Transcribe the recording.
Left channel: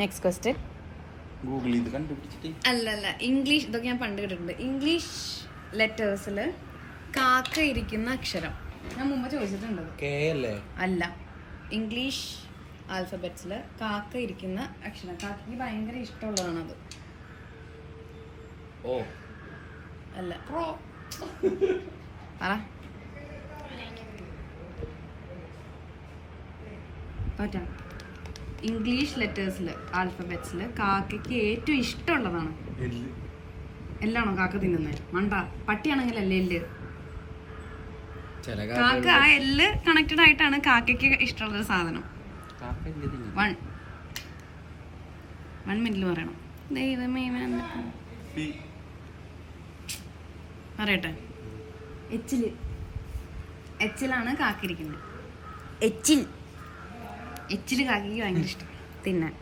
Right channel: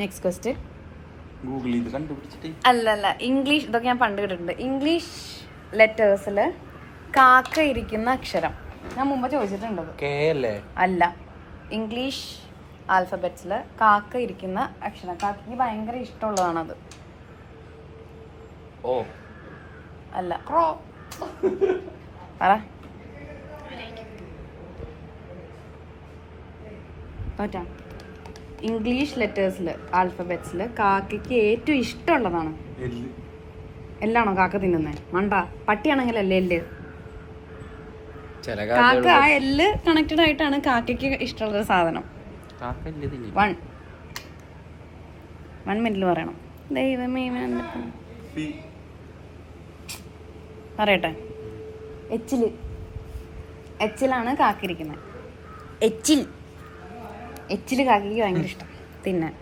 Next question. Google ഇത് കണ്ടുപിടിച്ചിട്ട്. അല്ലല്ല, ഇംഗ്ലീഷ്. ഇതൊക്കെ ഞാൻ പണ്ട് കേട്ടിട്ടുണ്ട്. ഇംഗ്ലീഷ് ലെറ്റേഴ്സിൽ കാക്ക ഇരിക്കുന്ന അക്ഷരം. ഞാൻ മുമ്പ് ചോദിച്ചിട്ടുണ്ട്. കെ അല്ലേ? അല്ല, ഇംഗ്ലീഷ് ആൽഫബറ്റ്സിൽ കാക്ക ഇരിക്കുന്ന അക്ഷരം. കാക്കയ്ക്ക് ഭയങ്കര ഇഷ്ടമുള്ളതാണത്. ഓ അല്ല. പറ. തോറ്റാ. ഇംഗ്ലീഷ് ലെറ്റേഴ്സിൽ ആൽഫബറ്റ്സിൽ കാക്കയ്ക്ക് ഏറ്റവും ഇഷ്ടമുള്ളതാണ്. എല്ലാണോ കാക്ക തിന്നുന്നത്? മണ്ട. പട്ടിയാണെങ്കിലല്ലേ എല്ല്. കാക്ക ആ എല്ല് കണക്റ്റഡ് ആയിട്ടാണ് കാക്കയ്ക്ക് ഇഷ്ടമുള്ളൊരു സാധനം. 1 മിനിറ്റിൽ പറയണം. ദൈവമേ, പറയട്ടെ. എച്ചിലാണ് കാക്കിരിക്കുന്നത്. എച്ചില് കാക്കയ്ക്ക് ഭയങ്കര ഇഷ്ടം തിന്നാൻ.